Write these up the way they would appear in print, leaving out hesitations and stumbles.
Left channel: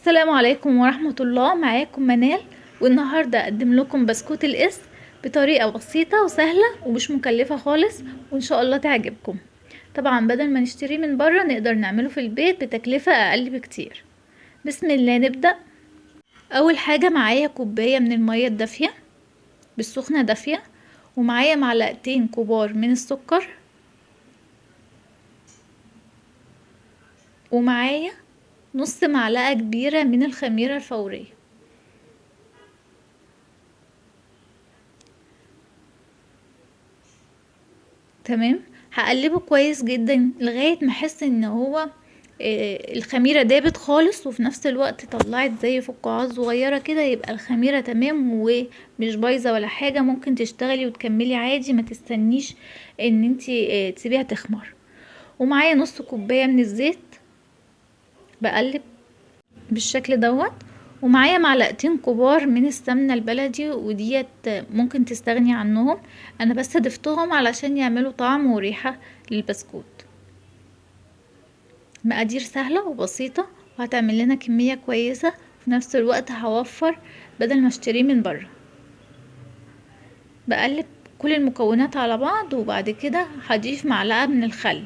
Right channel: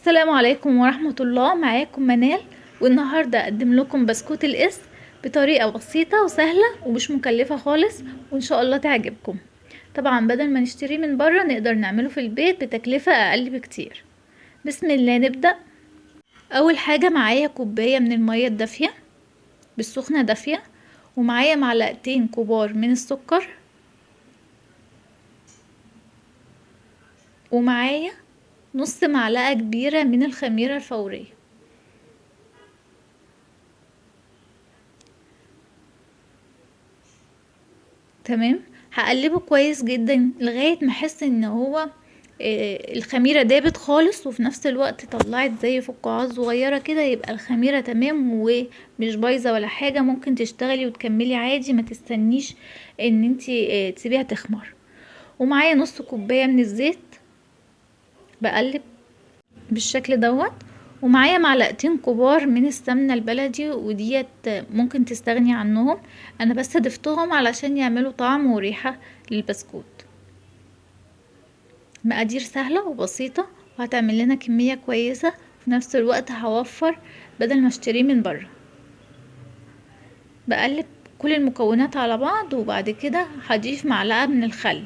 السلام عليكم ورحمة الله. معاكم منال، والنهاردة اقدم لكم بسكوت القس بطريقة بسيطة وسهلة ومش مكلفة خالص، وان شاء الله تعجبكم. طبعا بدل ما نشتريه من بره نقدر نعمله في البيت بتكلفة اقل بكتير. بسم الله نبدأ. اول حاجة معايا كوباية من المية الدافية بالسخنة دافية، ومعايا معلقتين كبار من السكر، ومعايا نص معلقة كبيرة من الخميرة الفورية. تمام. هقلبه كويس جدا لغاية ما احس ان هو الخميرة دابت خالص، وفي نفس الوقت طلعت زي فقاعات صغيرة كده، يبقى الخميرة تمام ومش بايظة ولا حاجة. ممكن تشتغلي وتكملي عادي، ما تستنيش ان انتي تسيبيها تخمر. ومعايا نص كوباية من الزيت، بقلب بالشكل دوت. ومعايا معلقتين كبار من السمنة البلدي، وديت ممكن تستغني عنهم، انا بس ضفتهم علشان يعملوا طعم وريحة للبسكوت. مقادير سهلة وبسيطة، وهتعمل لنا كمية كويسة، في نفس الوقت هوفر بدل ما اشتريه من بره. بقلب كل المكونات على بعض، وبعد كده هضيف معلقة من الخل.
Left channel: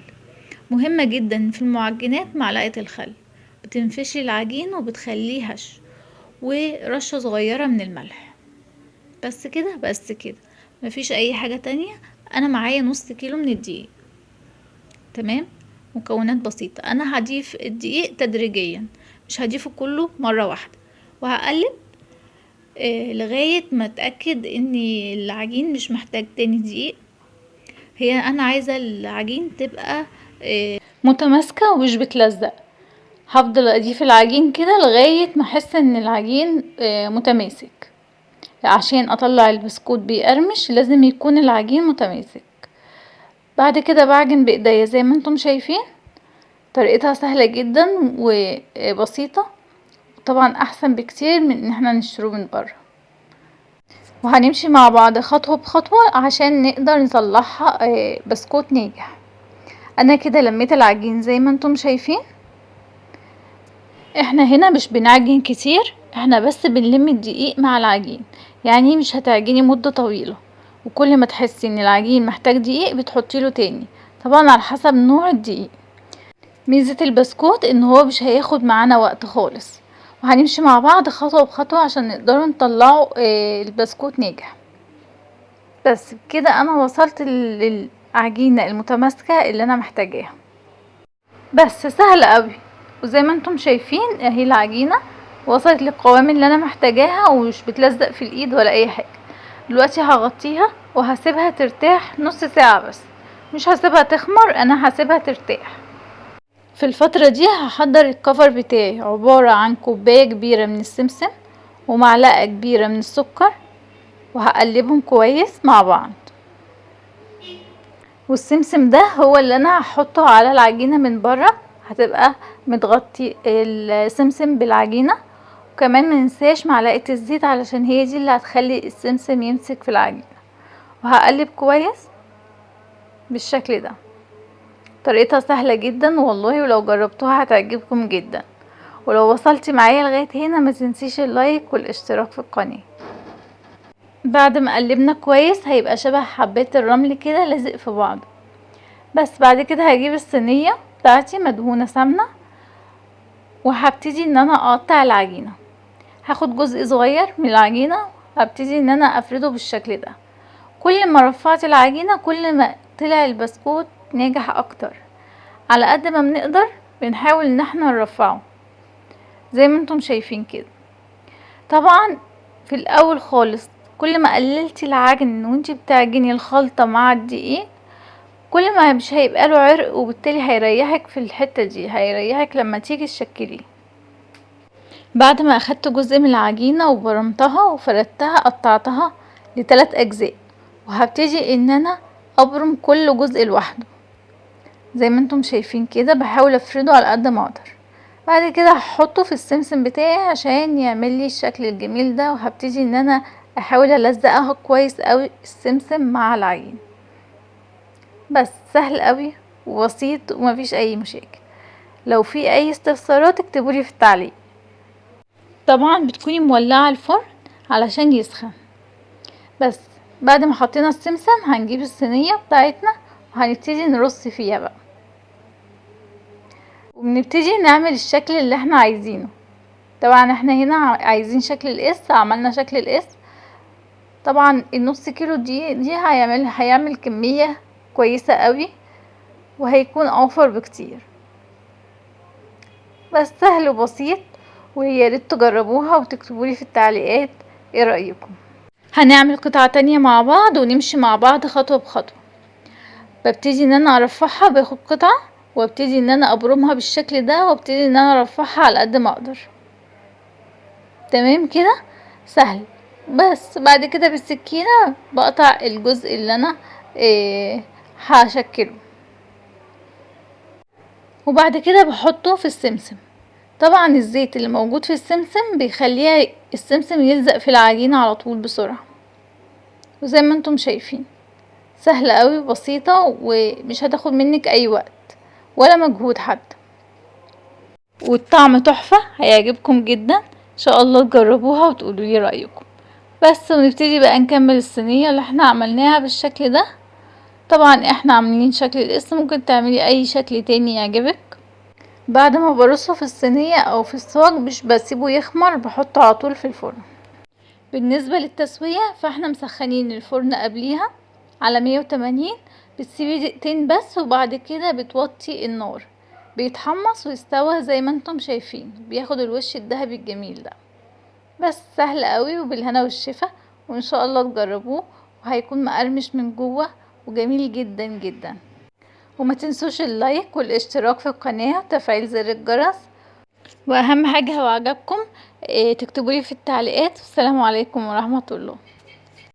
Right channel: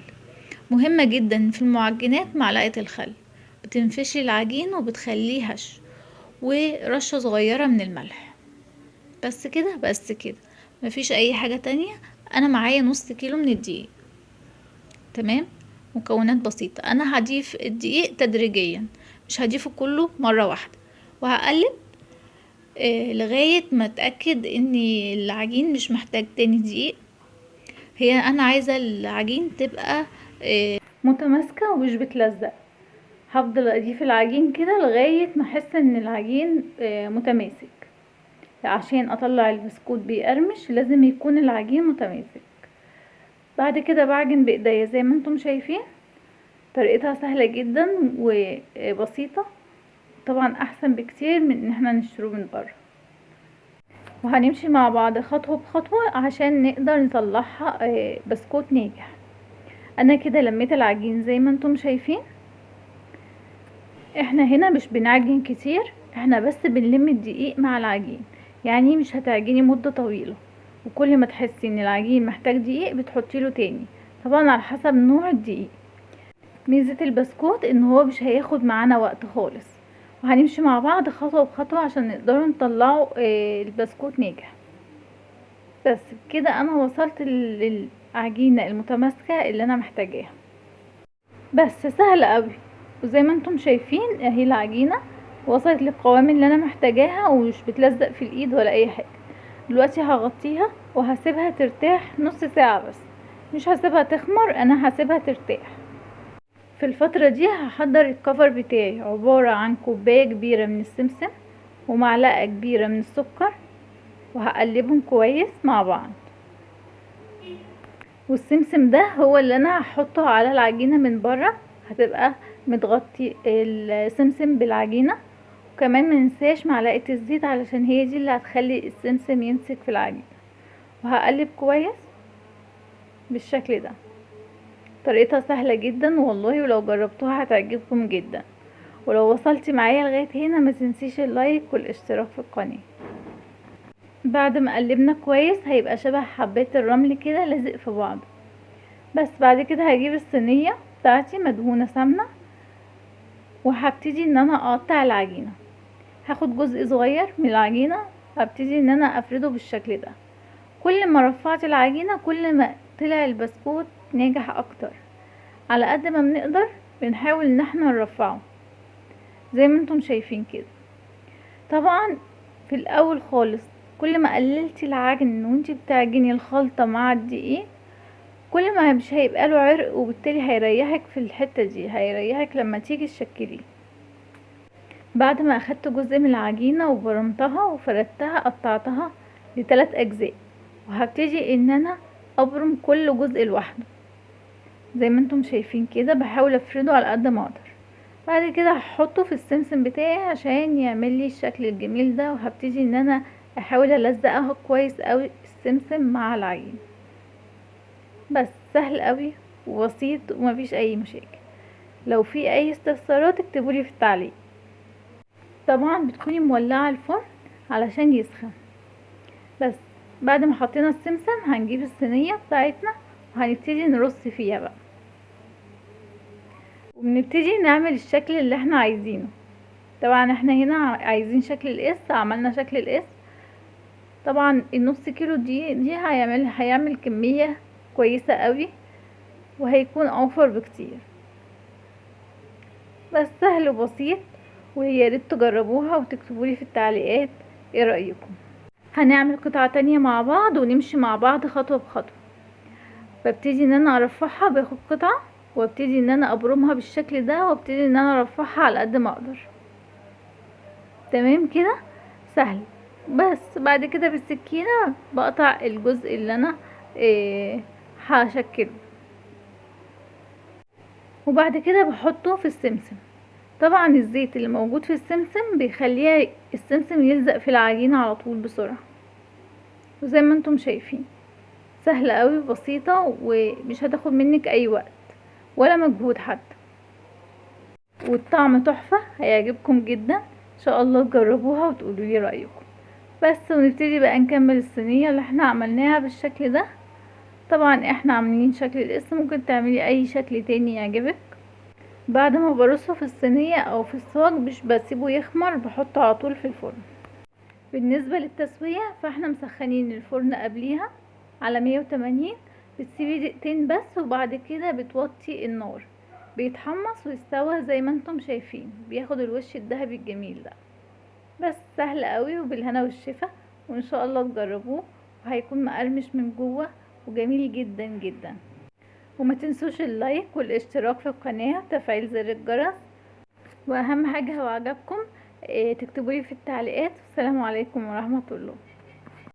مهمة جدا في المعجنات معلقة الخل، بتنفشي العجين وبتخليه هش، ورشة صغيرة من الملح. بس كده بس كده، مفيش اي حاجة تانية. انا معايا نص كيلو من الدقيق. تمام. مكونات بسيطة، انا هضيف الدقيق تدريجيا، مش هضيفه كله مرة واحدة. وهقلب لغاية ما اتأكد ان العجين مش محتاج تاني دقيق. هي انا عايزة العجين تبقى متماسكة ومش بتلزق. هفضل اضيف العجين كده لغاية ما احس ان العجين متماسك. عشان اطلع البسكوت بيقرمش لازم يكون العجين متماسك. بعد كده بعجن بايديا زي ما انتم شايفين. طريقتها سهلة جدا وبسيطة، طبعا احسن بكتير من ان احنا نشتروه من بره. وهنمشي مع بعض خطوة بخطوة عشان نقدر نطلعها بسكوت ناجح. انا كده لميت العجين زي ما انتم شايفين. احنا هنا مش بنعجن كتير، احنا بس بنلم الدقيق مع العجين. يعني مش هتعجني مدة طويلة، وكل ما تحسي ان العجين محتاج دقيق بتحطيله تاني، طبعا على حسب نوع الدقيق. ميزة البسكوت ان هو مش هياخد معانا وقت خالص. وهنمشي مع بعض خطوة بخطوة عشان نقدر نطلعه البسكوت ناجح. بس كده انا وصلت للعجينة المتماسكة اللي انا محتاجاها. بس سهل قوي. وزي ما انتم شايفين اهي العجينة وصلت للقوام اللي انا محتاجاها، ومش بتلزق في الايد ولا اي حاجة. دلوقتي هغطيها وهسيبها ترتاح نص ساعة بس، مش هسيبها تخمر، انا هسيبها ترتاح. في الفترة دي هحضر الكفر بتاعي، عبارة عن كوباية كبيرة من السمسم ومعلقة كبيرة من السكر، وهقلبهم كويس مع بعض. والسمسم ده هو اللي انا هحطه على العجينة من بره، هتبقى متغطي السمسم بالعجينة. وكمان مننساش معلقة الزيت علشان هي دي اللي هتخلي السمسم يمسك في العجينة. وهقلب كويس بالشكل ده. طريقتها سهلة جدا والله، ولو جربتوها هتعجبكم جدا. ولو وصلتي معايا لغاية هنا ما تنسيش اللايك والاشتراك في القناة. بعد ما قلبنا كويس هيبقى شبه حبات الرمل كده لازق في بعض. بس بعد كده هجيب الصينية بتاعتي مدهونة سمنة، وهبتدي ان انا اقطع العجينة. هاخد جزء صغير من العجينة، هبتدي ان انا افرده بالشكل ده. كل ما رفعت العجينة كل ما طلع البسكوت ناجح اكتر. على قد ما بنقدر بنحاول ان احنا نرفعه زي ما انتم شايفين كده. طبعا في الاول خالص كل ما قللتي العجن وانتي بتعجني الخلطة مع الدقيق، كل ما مش هيبقى له عرق، وبالتالي هيريحك في الحتة دي، هيريحك لما تيجي تشكليه. بعد ما اخدت جزء من العجينة وبرمتها وفردتها قطعتها ل3 اجزاء، وهبتدي ان انا ابرم كل جزء لوحده زي ما انتم شايفين كده. بحاول افرده على قد ما اقدر. بعد كده هحطه في السمسم بتاعي عشان يعمل لي الشكل الجميل ده. وهبتدي ان انا احاول الزقها كويس قوي السمسم مع العجين. بس سهل قوي وبسيط ومفيش اي مشاكل. لو في اي استفسارات اكتبولي في التعليق. طبعا بتكوني مولعة الفرن علشان يسخن. بس بعد ما حطينا السمسم هنجيب الصينية بتاعتنا وهنبتدي نرص فيها بقى، وبنبتدي نعمل الشكل اللي احنا عايزينه. طبعا احنا هنا عايزين شكل القس، عملنا شكل القس. طبعا النص كيلو دي هيعمل كمية كويسة قوي، وهيكون اوفر بكتير. بس سهل وبسيط، ويا ريت تجربوها وتكتبولي في التعليقات ايه رأيكم. هنعمل قطعة تانية مع بعض ونمشي مع بعض خطوة بخطوة. ببتدي ان انا ارفعها، باخد قطعة وابتدي ان انا ابرمها بالشكل ده، وابتدي ان انا ارفعها على قد ما اقدر. تمام كده، سهل. بس بعد كده بالسكينة بقطع الجزء اللي انا هشكله، وبعد كده بحطه في السمسم. طبعا الزيت اللي موجود في السمسم بيخليها السمسم يلزق في العجينة على طول بسرعة. وزي ما انتم شايفين سهلة قوي وبسيطة، ومش هتاخد منك اي وقت ولا مجهود حتى، والطعم تحفة، هيعجبكم جدا. ان شاء الله تجربوها وتقولوا لي رأيكم. بس ونبتدي بقى نكمل الصينية اللي احنا عملناها بالشكل ده. طبعا احنا عاملين شكل القسم، ممكن تعملي اي شكل تاني يعجبك. بعد ما برصه في الصينية او في الصاج مش بسيبه يخمر، بحطه على طول في الفرن. بالنسبة للتسوية فاحنا مسخنين الفرن قبليها على 180، بتسيبي دقيقتين بس، وبعد كده بتوطي النار. بيتحمص ويستوى زي ما انتم شايفين، بياخد الوش الذهبي الجميل ده. بس سهل قوي وبالهنا والشفا، وان شاء الله تجربوه، وهيكون مقرمش من جوه وجميل جدا جدا. وما تنسوش اللايك والاشتراك في القناة وتفعيل زر الجرس. واهم حاجة لو عجبكم تكتبولي في التعليقات. والسلام عليكم ورحمة الله.